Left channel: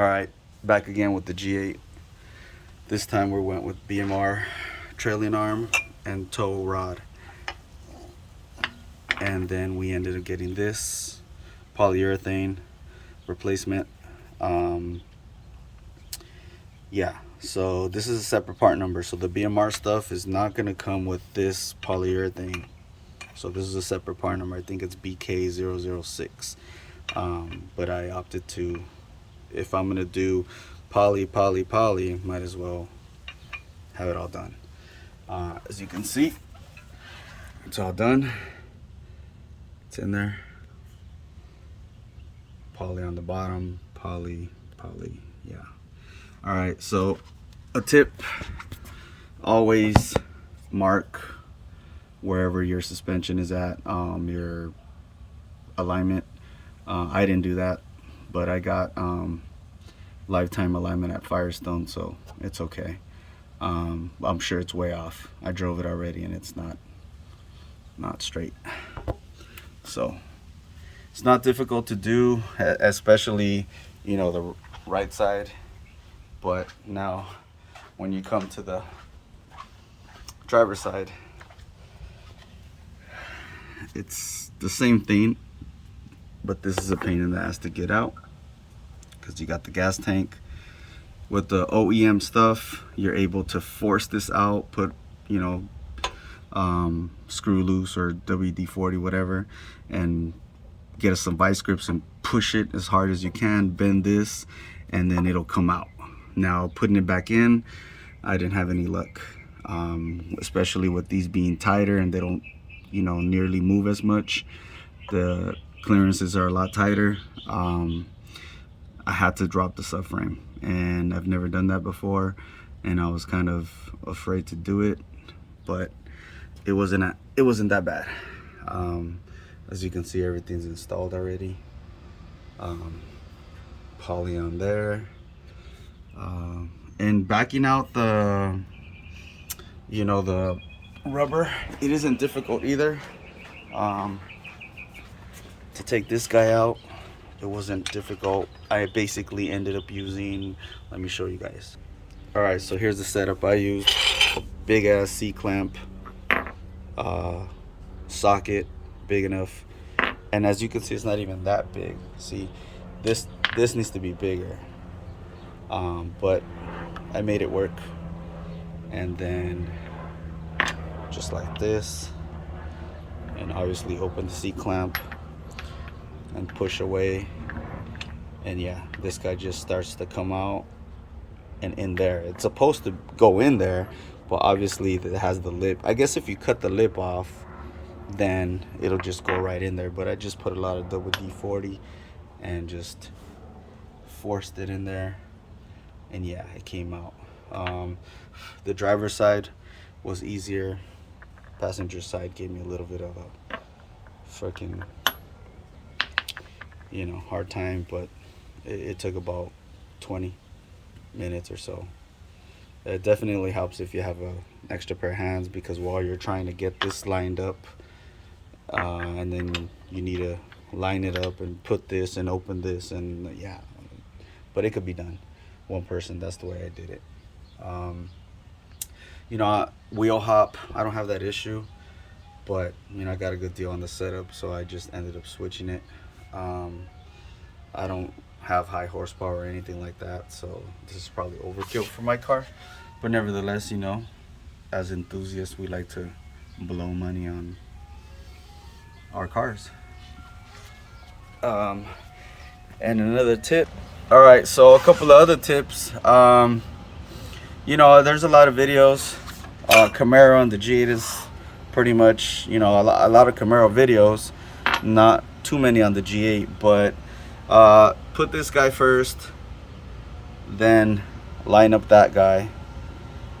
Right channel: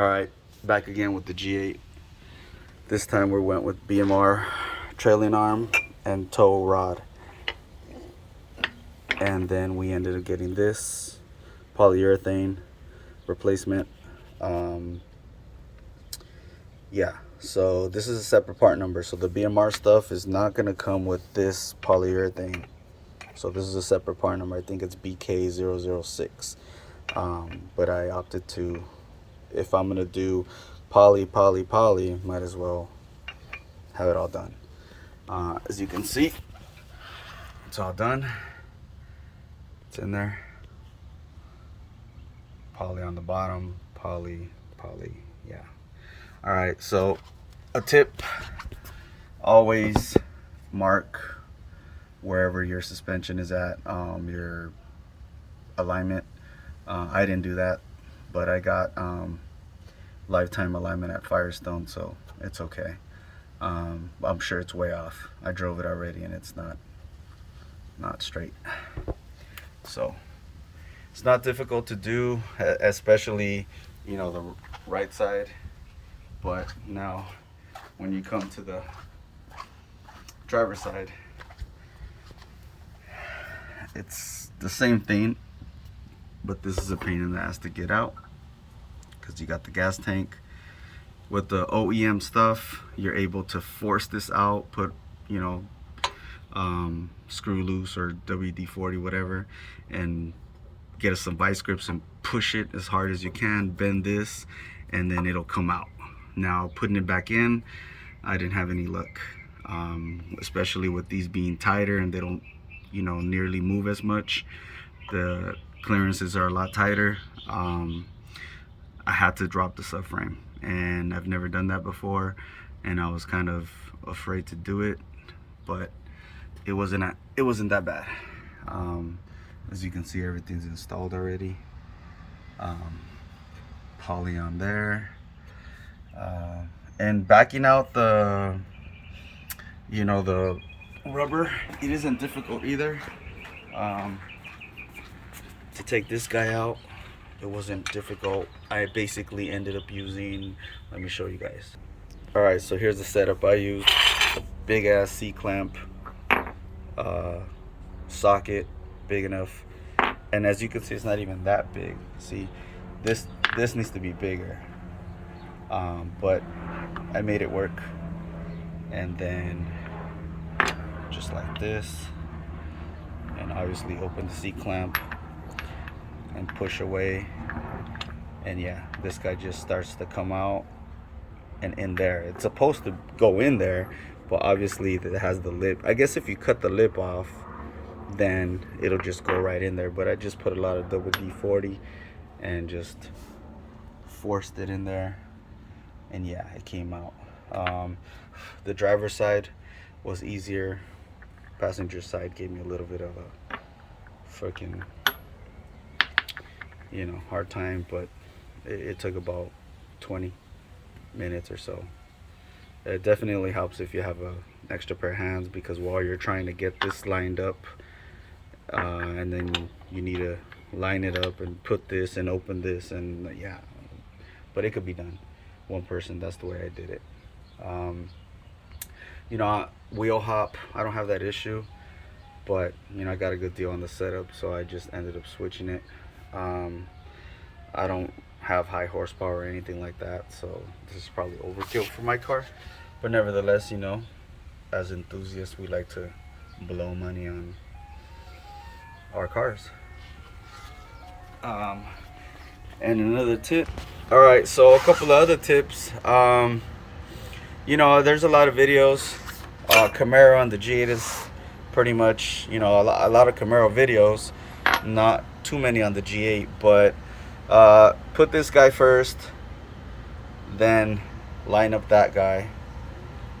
Alright, back again with the G8. This time we went with BMR trailing arm and tow rod. And then we ended up getting this polyurethane replacement. Yeah, so this is a separate part number. So the BMR stuff is not going to come with this polyurethane. So this is a separate part number. I think it's BK006. But I opted to, if I'm going to do poly, might as well have it all done. As you can see, it's all done. It's in there. Poly on the bottom, poly, yeah. All right, so a tip, always mark wherever your suspension is at, your alignment. I didn't do that, but I got lifetime alignment at Firestone, so it's okay. I'm sure it's way off. I drove it already and it's not straight. So it's not difficult to do, especially, you know, the right side. But now when you come to the driver's side, it's the same thing, but this is a pain in the ass to get out because you got the gas tank. With the OEM stuff, you're able to force this out, put, you know, screw loose or WD-40, whatever, and get us some vice grips and push it as hard as you can, bend this, and then it'll come out. Now putting it back in, I didn't have any luck, especially with these being tighter and they don't, you know, nearly move as much. The clearances are a lot tighter. I had to drop the subframe, and I've never done that before, and I was kind of afraid to do it, but it wasn't that bad. As you can see, everything's installed already. Poly on there, and backing out the, you know, the rubber, it isn't difficult either. To take this guy out, it wasn't difficult. I basically ended up using, let me show you guys. All right, so here's the setup I used. A big ass C-clamp, socket, big enough. And as you can see, it's not even that big. See, this needs to be bigger. But I made it work. And then just like this, and obviously open the C-clamp and push away, and yeah, this guy just starts to come out and in there. It's supposed to go in there, but obviously it has the lip. I guess if you cut the lip off, then it'll just go right in there, but I just put a lot of WD-40 and just forced it in there, and yeah, it came out. The driver's side was easier. Passenger side gave me a little bit of a freaking, you know, hard time, but it took about 20 minutes or so. It definitely helps if you have an extra pair of hands, because while you're trying to get this lined up, and then you need to line it up and put this and open this, and yeah, but it could be done. One person, that's the way I did it. You know, wheel hop, I don't have that issue, but you know, I got a good deal on the setup, so I just ended up switching it. I don't have high horsepower or anything like that, so this is probably overkill for my car, but nevertheless, you know, as enthusiasts, we like to blow money on our cars. And another tip, all right, so a couple of other tips. You know, there's a lot of videos. Camaro and the G8 is pretty much, you know, a lot of Camaro videos, not too many on the G8, but put this guy first, then line up that guy,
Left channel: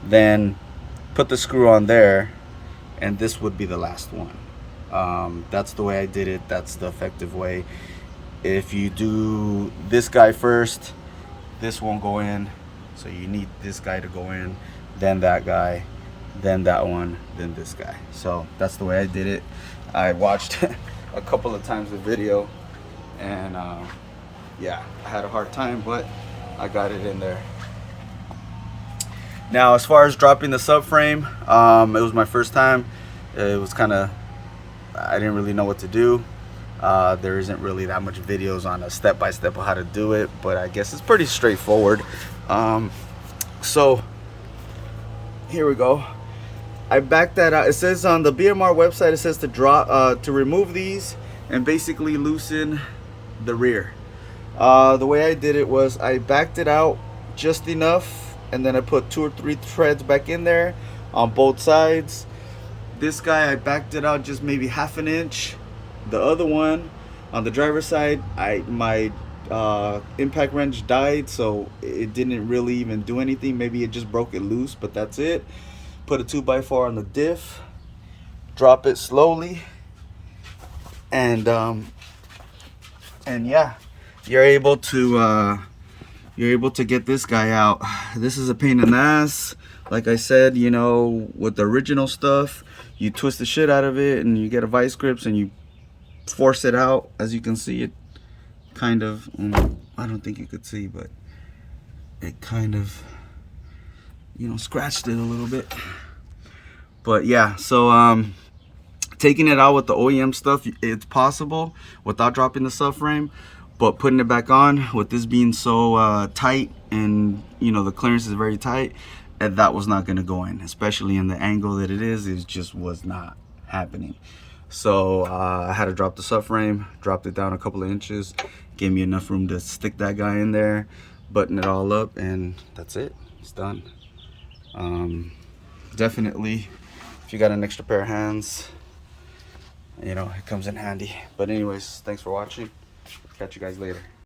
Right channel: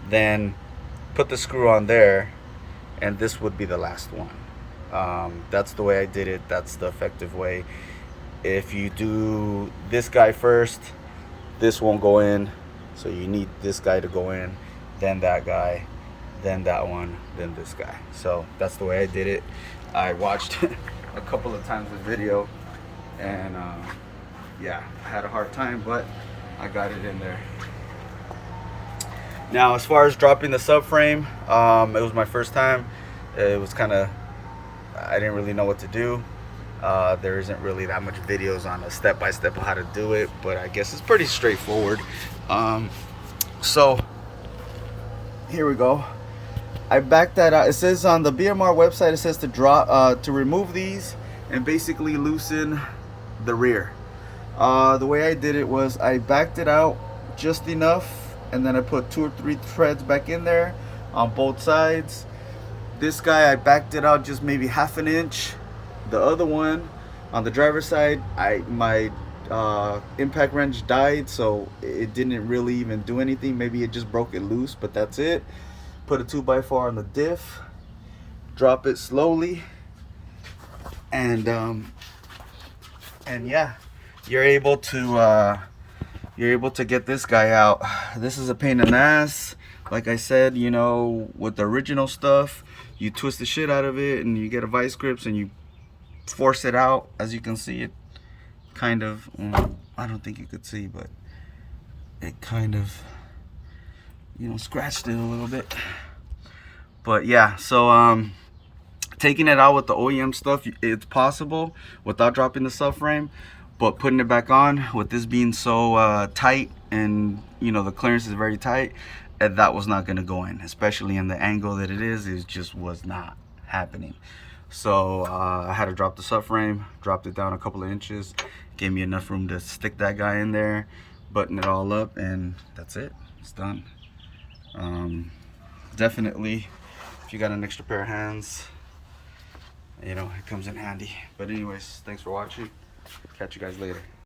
then put the screw on there, and this would be the last one. That's the way I did it. That's the effective way. If you do this guy first, this won't go in, so you need this guy to go in, then that guy, then that one, then this guy. So that's the way I did it. I watched a couple of times the video, and yeah, I had a hard time, but I got it in there. Now, as far as dropping the subframe, it was my first time. It was kind of, I didn't really know what to do. There isn't really that much videos on a step-by-step of how to do it, but I guess it's pretty straightforward. So here we go. I backed that out. It says on the BMR website, it says to drop, to remove these and basically loosen the rear. The way I did it was I backed it out just enough, and then I put 2 or 3 threads back in there on both sides. This guy, I backed it out just maybe ½ an inch. The other one on the driver's side, my impact wrench died, so it didn't really even do anything. Maybe it just broke it loose, but that's it. Put a 2x4 on the diff, drop it slowly, and yeah, you're able to get this guy out. This is a pain in the ass. Like I said, you know, with the original stuff, you twist the shit out of it and you get a vice grips and you force it out. As you can see, it kind of, I don't think you could see, but it kind of, you know, scratched it a little bit. But yeah, so taking it out with the OEM stuff, it's possible without dropping the subframe, but putting it back on with this being so tight, and you know, the clearance is very tight, and that was not going to go in, especially in the angle that it is. It just was not happening. So I had to drop the subframe, dropped it down a couple of inches, gave me enough room to stick that guy in there, button it all up, and that's it. It's done. Definitely, if you got an extra pair of hands, you know, it comes in handy. But anyways, thanks for watching. Catch you guys later.